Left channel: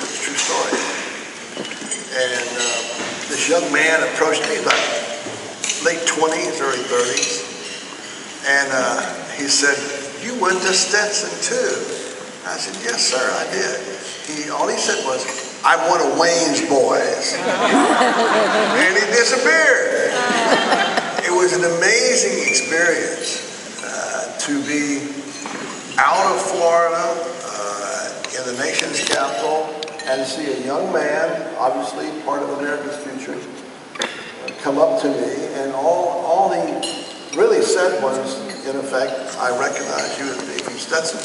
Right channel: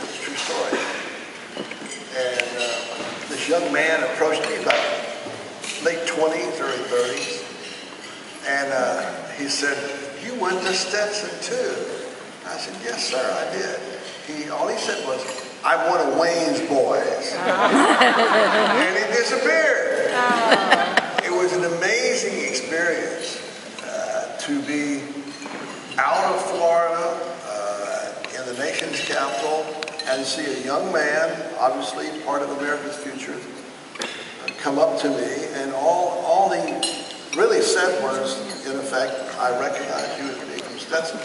It's a true story. And this young man approached me, about late 20s, early 30s, and he said, "You went to Stetson too?" I said, "Yes, sir, I did." All he said was, "I'm one of Wayne's boys." And he disappeared. It was an amazing experience to be out of Florida, in the nation's capital, and see a young man, obviously part of America's future, come up to me, and all he really said was, in effect, "I recognize you as being from Stetson."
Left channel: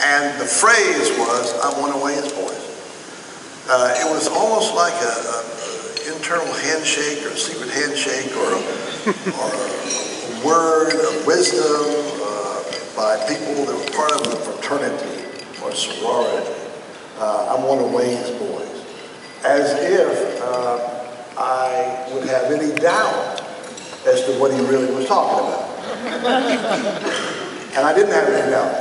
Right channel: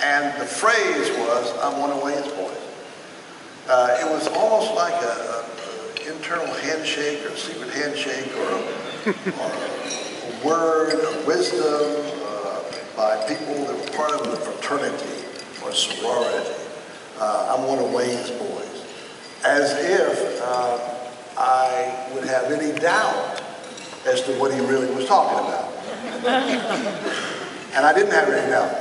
And the phrase was, "I'm one of Wayne's boys." It was almost like an internal handshake or a secret handshake or a word of wisdom by people that were part of the fraternity or sorority. I'm one of Wayne's boys. As if I would have any doubt as to what he really was talking about. And I didn't have any doubt.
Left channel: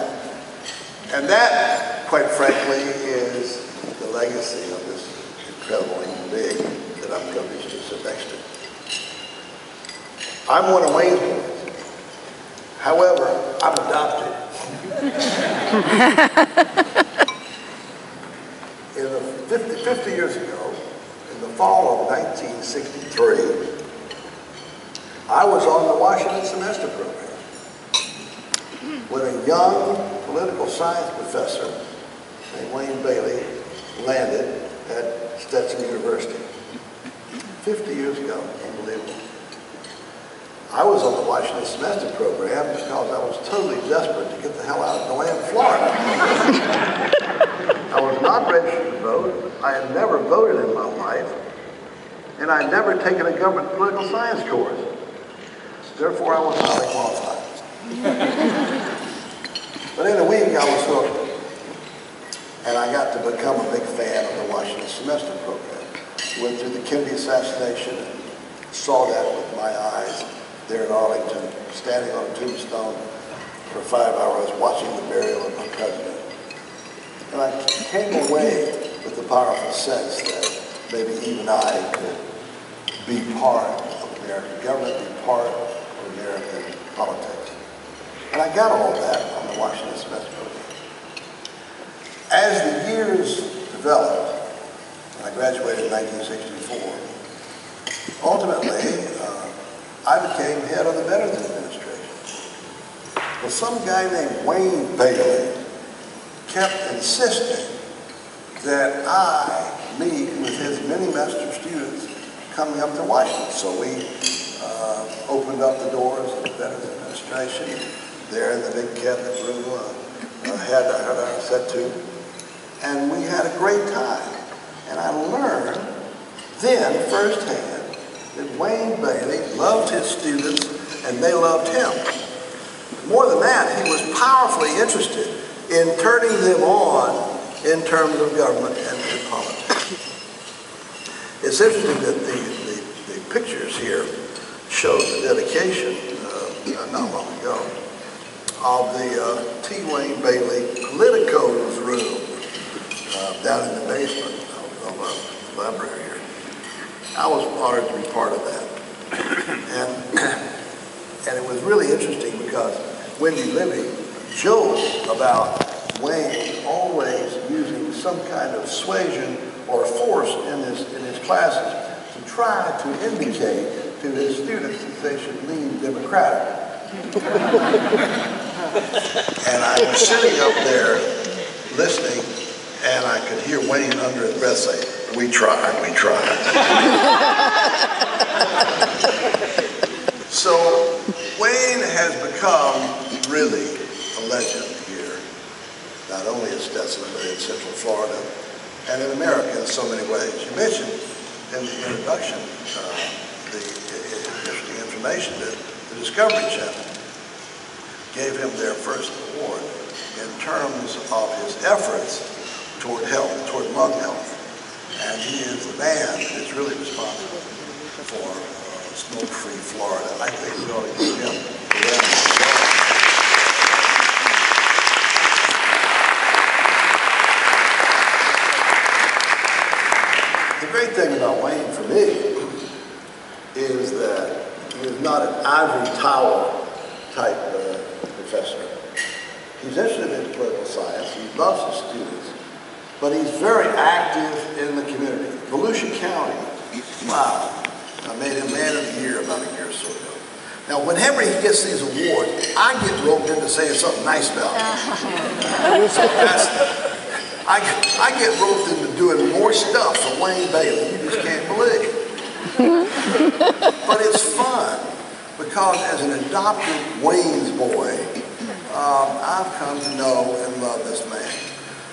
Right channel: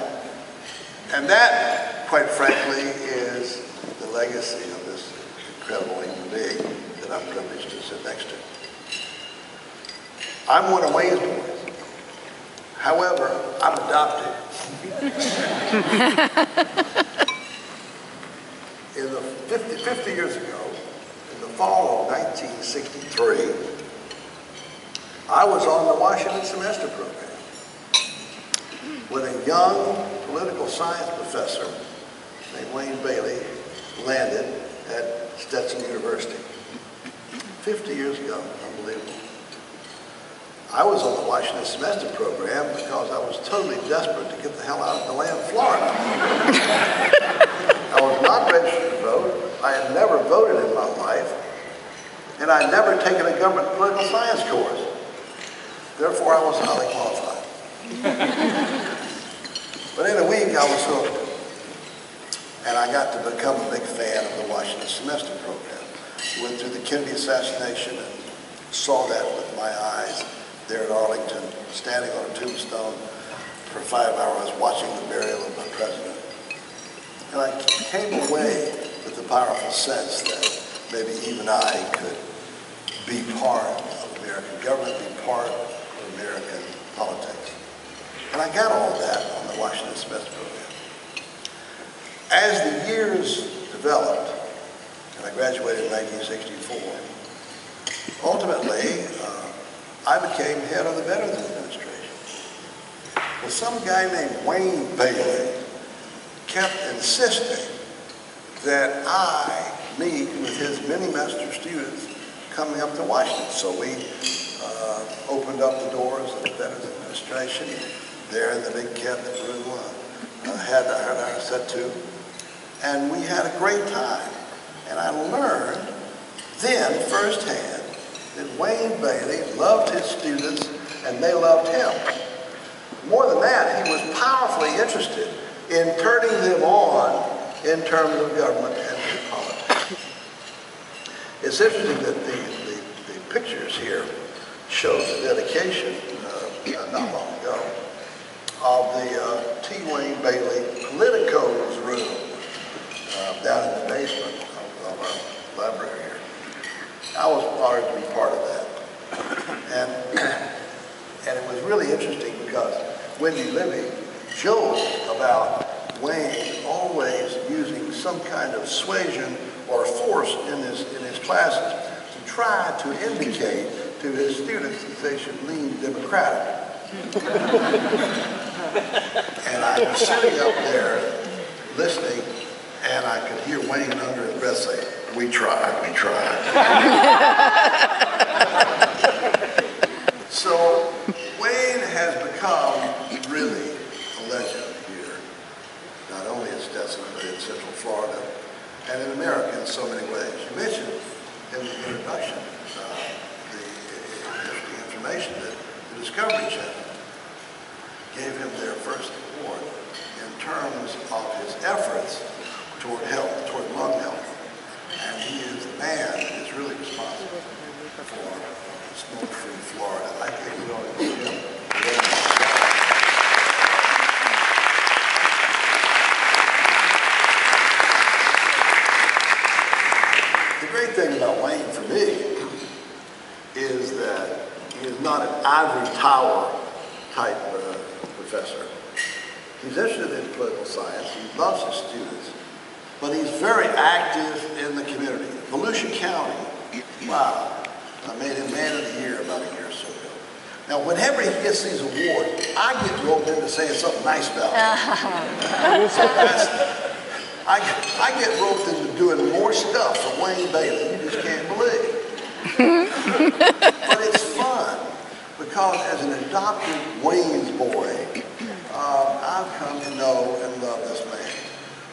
And that, quite frankly, is the legacy of this incredible human being that I'm privileged to sit next to. I'm one of Wayne's boys. However, I'm adopted. In the 50 years ago, in the fall of 1963, I was on the Washington semester program when a young political science professor named Wayne Bailey landed at Stetson University. 50 years ago, unbelievable. I was on the Washington semester program because I was totally desperate to get the hell out of the land of Florida. I was not registered to vote. I had never voted in my life. And I had never taken a government political science course. Therefore, I was highly qualified. But in a week, I was hooked. And I got to become a big fan of the Washington semester program. Went through the Kennedy assassination and saw that with my eyes there in Arlington, standing on a tombstone for 5 hours watching the burial of my president. And I came away with the powerful sense that maybe even I could be part of American government, be part of American politics. And I got all of that on the Washington semester program. As the years developed, and I graduated in 1964, ultimately, I became head of the Veterans Administration. Well, some guy named Wayne Bailey kept insisting that I meet with his many master students coming up to Washington. So we opened up the doors of the Veterans Administration there in the big cabinet room. Had our set to, and we had a great time. And I learned then firsthand that Wayne Bailey loved his students and they loved him. More than that, he was powerfully interested in turning them on in terms of government and in politics. It's interesting that the pictures here show the dedication not long ago of the T. Wayne Bailey Politicos room down in the basement of our library here. I was honored to be part of that. And it was really interesting because Wendy Libby joked about Wayne always using some kind of suasion or force in his classes to try to indicate to his students that they should lean Democratic. And I was sitting up there listening, and I could hear Wayne under his breath say, "We tried, we tried." So Wayne has become really a legend here, not only in Stetson, but in Central Florida and in America in so many ways. You mentioned in the introduction the information that the Discovery Channel gave him their first award in terms of his efforts toward health, toward lung health. And he is the man that is really responsible for smoke-free Florida. I think we ought to give him big thing about Wayne for me is that he is not an ivory tower type professor. He's interested in political science. He loves his students. But he's very active in the community. Volusia County, wow, I made him Man of the Year about a year or so ago. Now, whenever he gets these awards, I get roped into saying something nice about him. I get roped into doing more stuff for Wayne Bailey you just can't believe. But it's fun because as an adopted Wayne's boy, I've come to know and love this man.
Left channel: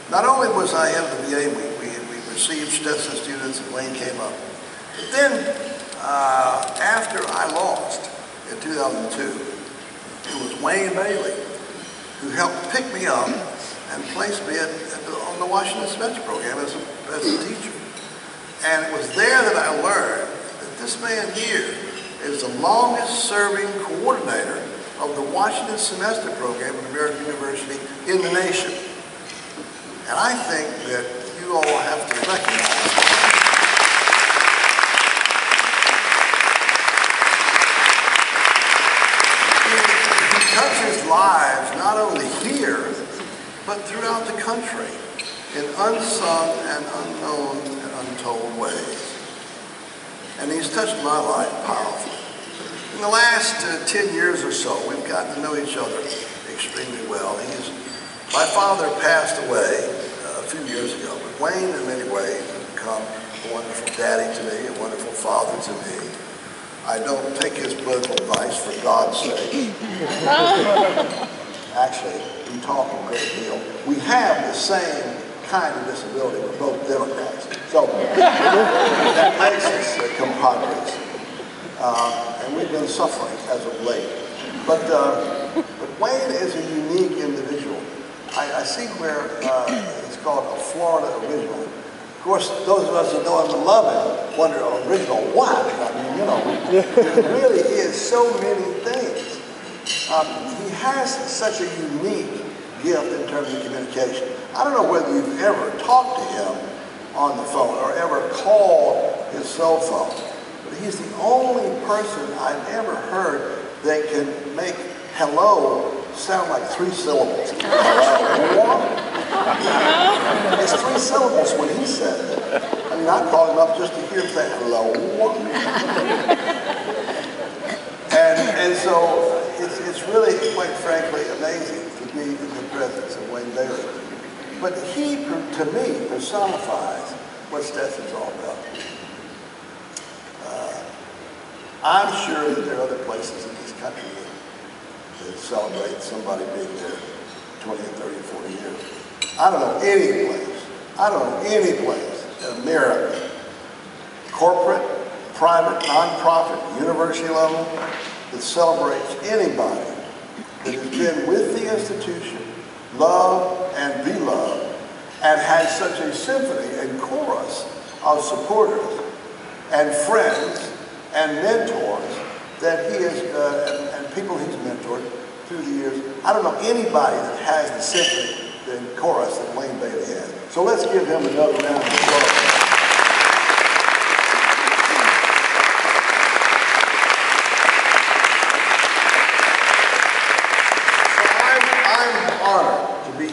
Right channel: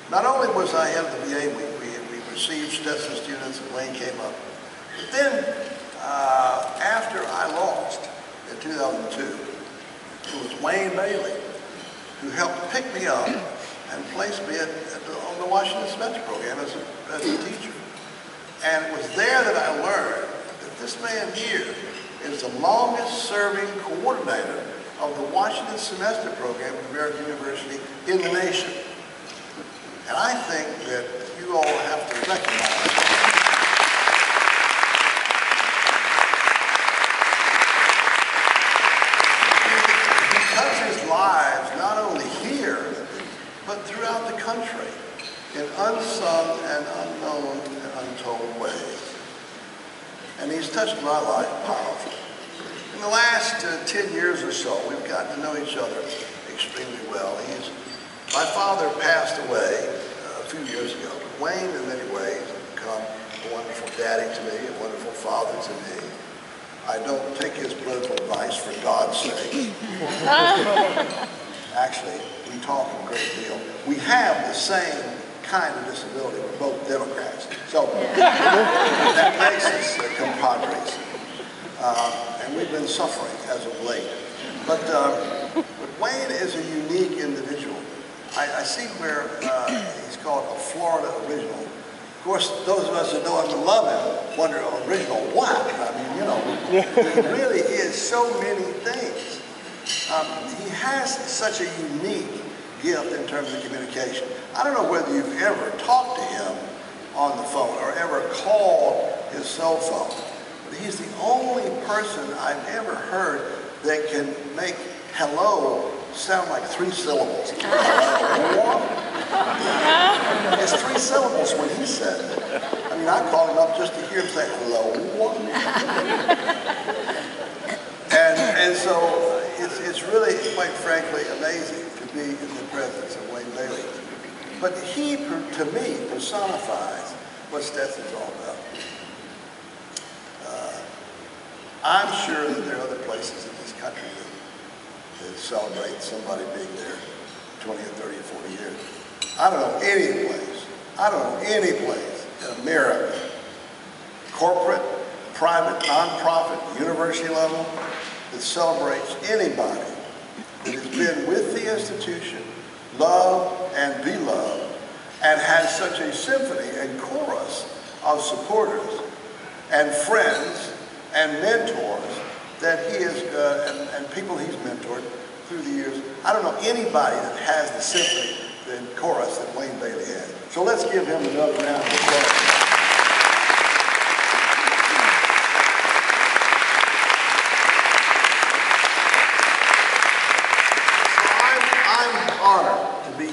Not only was I head of the VA, we received Stetson students and Wayne came up. But then, after I lost in 2002, it was Wayne Bailey who helped pick me up and place me on the Washington Semester Program as a teacher. And it was there that I learned that this man here is the longest serving coordinator of the Washington Semester Program at American University in the nation. And I think that you all have to recognize he touches lives not only here, but throughout the country in unsung and unknown and untold ways. And he's touched my life powerfully. In the last 10 years or so, we've gotten to know each other extremely well. My father passed away a few years ago, but Wayne, in many ways, has become a wonderful daddy to me, a wonderful father to me. I don't take his political advice for God's sake. Actually, we talk a great deal. We have the same kind of disability. We're both Democrats. So that makes us compadres. And we've been suffering as of late. But Wayne is a unique individual. I see where it's called a Florida original. Of course, those of us who know him and love him wonder, original what? I mean, you know, he really is so many things. He has such a unique gift in terms of communication. I don't know whether you've ever talked to him on the phone or ever called his cell phone, but he's the only person I've ever heard that can make hello sound like 3 syllables. It's 3 syllables when he said it. I mean, I called him up just to hear him say hello. And so it's really, quite frankly, amazing to be in the presence of Wayne Bailey. But he, to me, personifies what Stetson's all about. I'm sure that there are other places in this country that celebrate somebody being there 20 or 30 or 40 years. I don't know any place in America, corporate, private, nonprofit, university level, that celebrates anybody that has been with the institution, loved and beloved, and has such a symphony and chorus of supporters and friends and mentors that he has, and people he's mentored through the years. I don't know anybody that has the symphony and chorus that Wayne Bailey had. So let's give him another round of applause.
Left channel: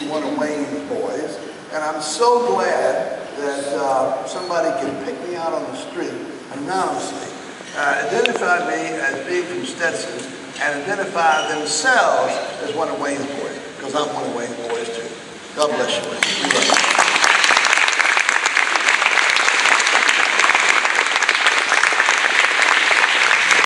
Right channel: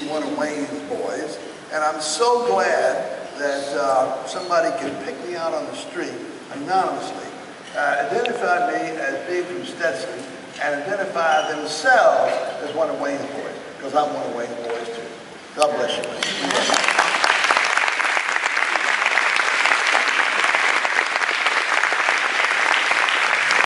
One of Wayne's boys, and I'm so glad that somebody can pick me out on the street anonymously, identify me as being from Stetson, and identify themselves as one of Wayne's boys, because I'm one of Wayne's boys too. God bless you.